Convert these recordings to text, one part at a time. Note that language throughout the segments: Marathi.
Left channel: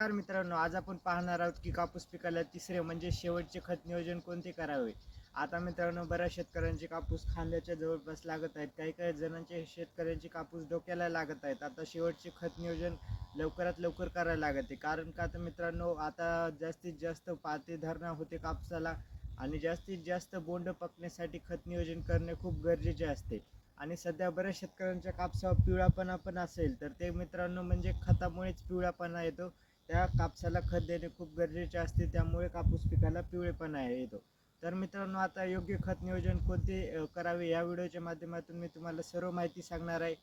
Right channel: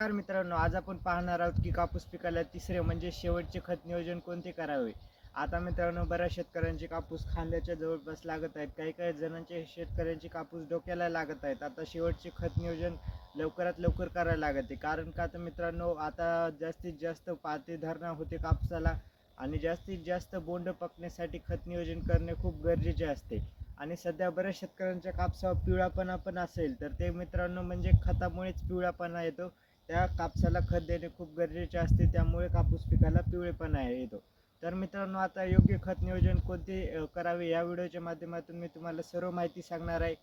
नमस्कार मित्रांनो आज आपण पाहणार आहोत की कापूस पिकाला तिसरे म्हणजे शेवटचे खत नियोजन कोणते करावे? आता मित्रांनो बऱ्याच शेतकऱ्यांचे कापूस खांद्याच्या जवळपास लागत आहेत. काही काही जणांचे शेतकऱ्यांचे कापूस डोक्याला लागत आहेत. आता शेवटचे खत नियोजन लवकरात लवकर करायला लागत. आहे कारण का तर मित्रांनो आता जास्तीत जास्त पाते धरणा होते कापसाला आणि जास्तीत जास्त बोंड पकण्यासाठी खत नियोजन करणे खूप गरजेचे असते. आणि सध्या बऱ्याच शेतकऱ्यांच्या कापसावर पिवळापणा पण असेल तर ते मित्रांनो म्हणजे खतामुळेच पिवळापणा येतो. त्या कापसाला खत देणे खूप गरजेचे असते त्यामुळे कापूस पिकाला पिवळेपणा येतो. तर मित्रांनो आता योग्य खत नियोजन कोणते करावे या व्हिडिओच्या माध्यमातून मी तुम्हाला सर्व माहिती सांगणार आहे.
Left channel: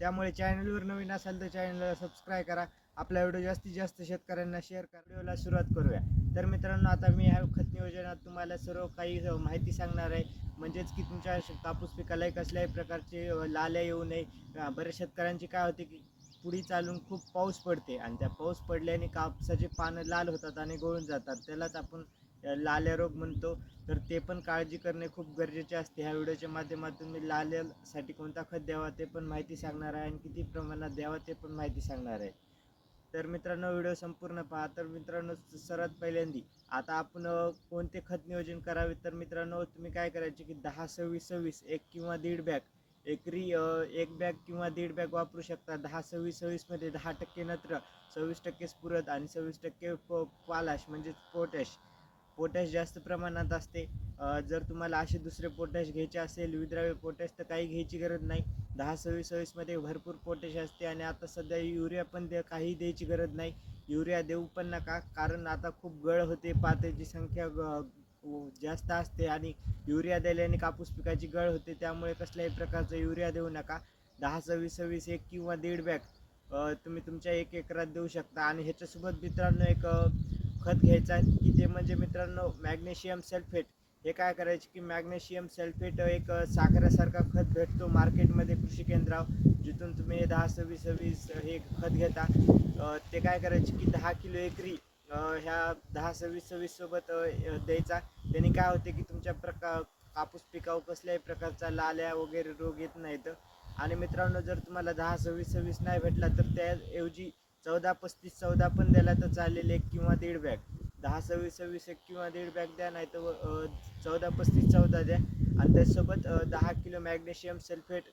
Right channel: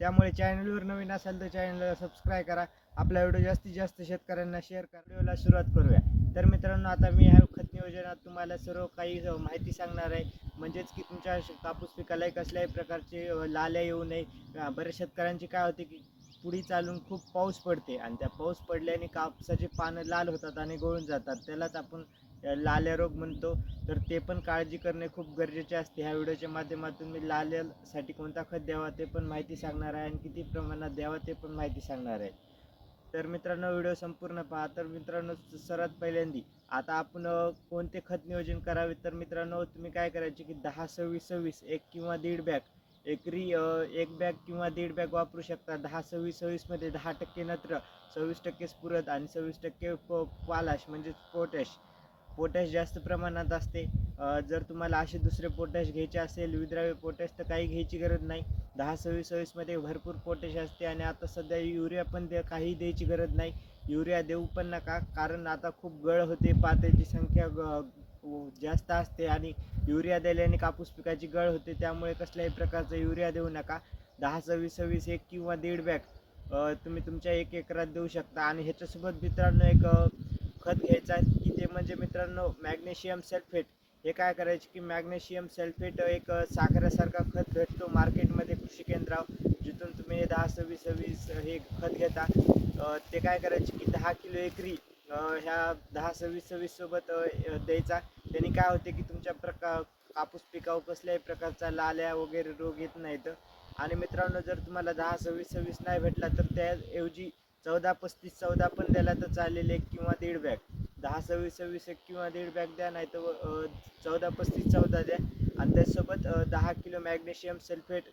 त्यामुळे चॅनलवर नवीन असाल तर चॅनलला सबस्क्राईब करा. आपला व्हिडिओ जास्तीत जास्त शेतकऱ्यांना शेअर करा व्हिडिओला सुरुवात करूया. तर मित्रांनो आता मी ह्या खत नियोजनात तुम्हाला सर्व काही माहिती सांगणार आहे. म्हणजेच की तुमच्या कापूस पिकालाही कसल्याही प्रकारचे लाल्या येऊ नये. बऱ्याच शेतकऱ्यांची काय होते की पुढी चालून खूप पाऊस पडते आणि त्या पाऊस पडल्याने कापसाची पानं लाल होतात आणि गळून जातात. त्यालाच आपण लाल्या रोग म्हणतो. तर ते पण काळजी करणे खूप गरजेचे असते. ह्या व्हिडिओच्या माध्यमातून मी लाल्यासाठी कोणता खत द्यावा ते पण माहिती सांगणार आहे आणि किती प्रमाणात द्यावा ते पण माहिती सांगणार आहे. तर मित्रांनो व्हिडिओ संपूर्ण पहा. तर मित्रांनो सर्वात पहिल्यांदी आता आपण कोणते खत नियोजन करावे? तर मित्रांनो तुम्ही काय करायचे की दहा सव्वीस सव्वीस एक किंवा दीड बॅग एकरी एक बॅग किंवा दीड बॅग वापरू शकता. दहा सव्वीस सव्वीसमध्ये दहा टक्के नत्र सव्वीस टक्के स्फुरद आणि सव्वीस टक्के प पालाश म्हणजेच पोटॅश. पोटॅश जास्त प्रमाणात असते. जर तुम्हाला असे दुसरे पोटॅश घ्यायचे असेल विद्राव्य पोटॅश तर काही घ्यायची गरज नाही. दहा सव्वीस सव्वीसमध्ये भरपूर पोटॅश असते आणि आता सध्या युरिया पण द्या काही द्यायची गरज नाही. युरिया देऊ पण नका कारण आता खूप गळ होते पात्याची संख्या ग जास्त असते आणि युरिया दिल्याने कापूस पिकाची गळ होते. त्यामुळे कसल्याही प्रकारचा युरिया देऊ नका. दहा सव्वीस सव्वीस एक किंवा दीड बॅग तुम्ही तुमच्या एक एकरात देऊ शकता. आणि ह्याच्यासोबत मित्रांनो एक खत घ्यायचा आहे की ते म्हणजे मित्रांनो मॅग्नेशियम सल्फेट. हे काय करायचे की मॅग्नेशियम सल्फेट एक साखरेसारखा खत भेटतो मार्केटमध्ये कृषी केंद्रावर जिथून तुम्ही हे दहा सव्वीस सव्वीस हे खत घेता. ते काय करायचे की दहा किलो एकरी ह्या दहा सव्वीस सव्वीस सोबत द्यायचा. त्यांनी काय होते की तुमच्या प्रका कापूस पिकावर कसल्याही प्रकारचा लाल्या वगैरे रोग येत नाहीत. आणि मित्रांनो जर तुम्हाला दहा सव्वीस सव्वीस नाही भेटला तर त्याऐवजी चौदा पस्तीस चौदा पण द्यायला तर चालेल एक किंवा दीड बॅग. दहा सव्वीस सव्वीस एक किंवा दीड बॅग द्या नाही तर चौदा पस्तीस चौदा द्या. आणि त्यासोबत दहा किलो मॅग्नेशियम सल्फेट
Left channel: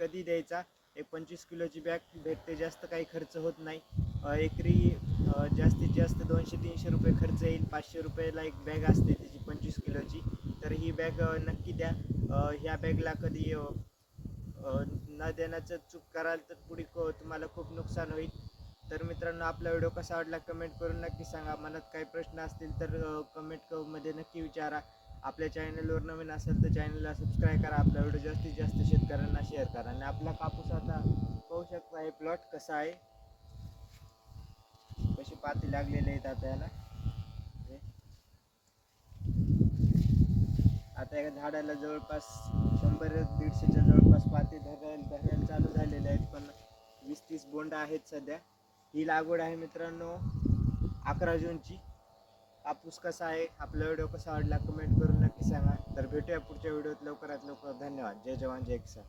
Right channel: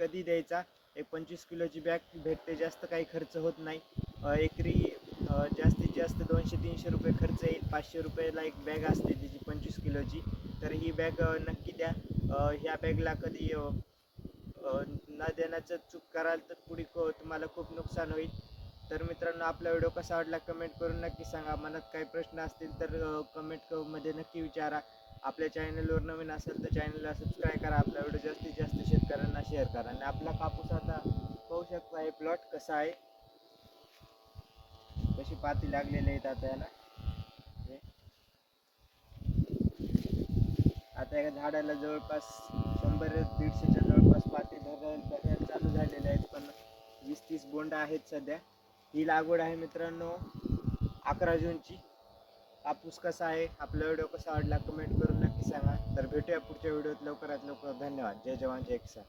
कधी द्यायचा? एक पंचवीस किलोची बॅग भेटते जास्त काही खर्च होत नाही. एकरी जास्तीत जास्त दोनशे तीनशे रुपये खर्च येईल. पाचशे रुपयाला एक बॅग असते त्याची पंचवीस किलोची. तर ही बॅग नक्की द्या. ह्या बॅगला कधी न देण्याचं चूक कराल तर पुढे को तुम्हाला खूप नुकसान होईल. तर मित्रांनो आपला व्हिडिओ कसा आवडला कमेंट करून नक्की सांगा. मनात काही प्रश्न असतील तर कमेंटमध्ये नक्की विचारा. आपल्या चॅनलवर नवीन असेल तर चॅनलला सबस्क्राईब करा. आपला व्हिडिओ जास्तीत जास्त शेतकऱ्यांना शेअर करा. आणि आपला कापूस आता पाहू शकता हे प्लॉट कसा आहे? कशी पाती लागलेली आहेत आता याला. आता एका झाडाला जवळपास शंभर दीडशेच्या जवळपास पाती धरायला धरायला चालू झालेले आहेत पण वीस तीस बोंड आहेत सध्या. ही लागवड आहे मित्रांनो अकरा जूनची. कापूस कसा आहे आपला व्हिडिओ कसा आवडला कमेंट करून नक्की सांगा. तर भेटूया पुढच्या व्हिडिओत लवकरात लवकर. धन्यवाद. जय जवान जय किसान.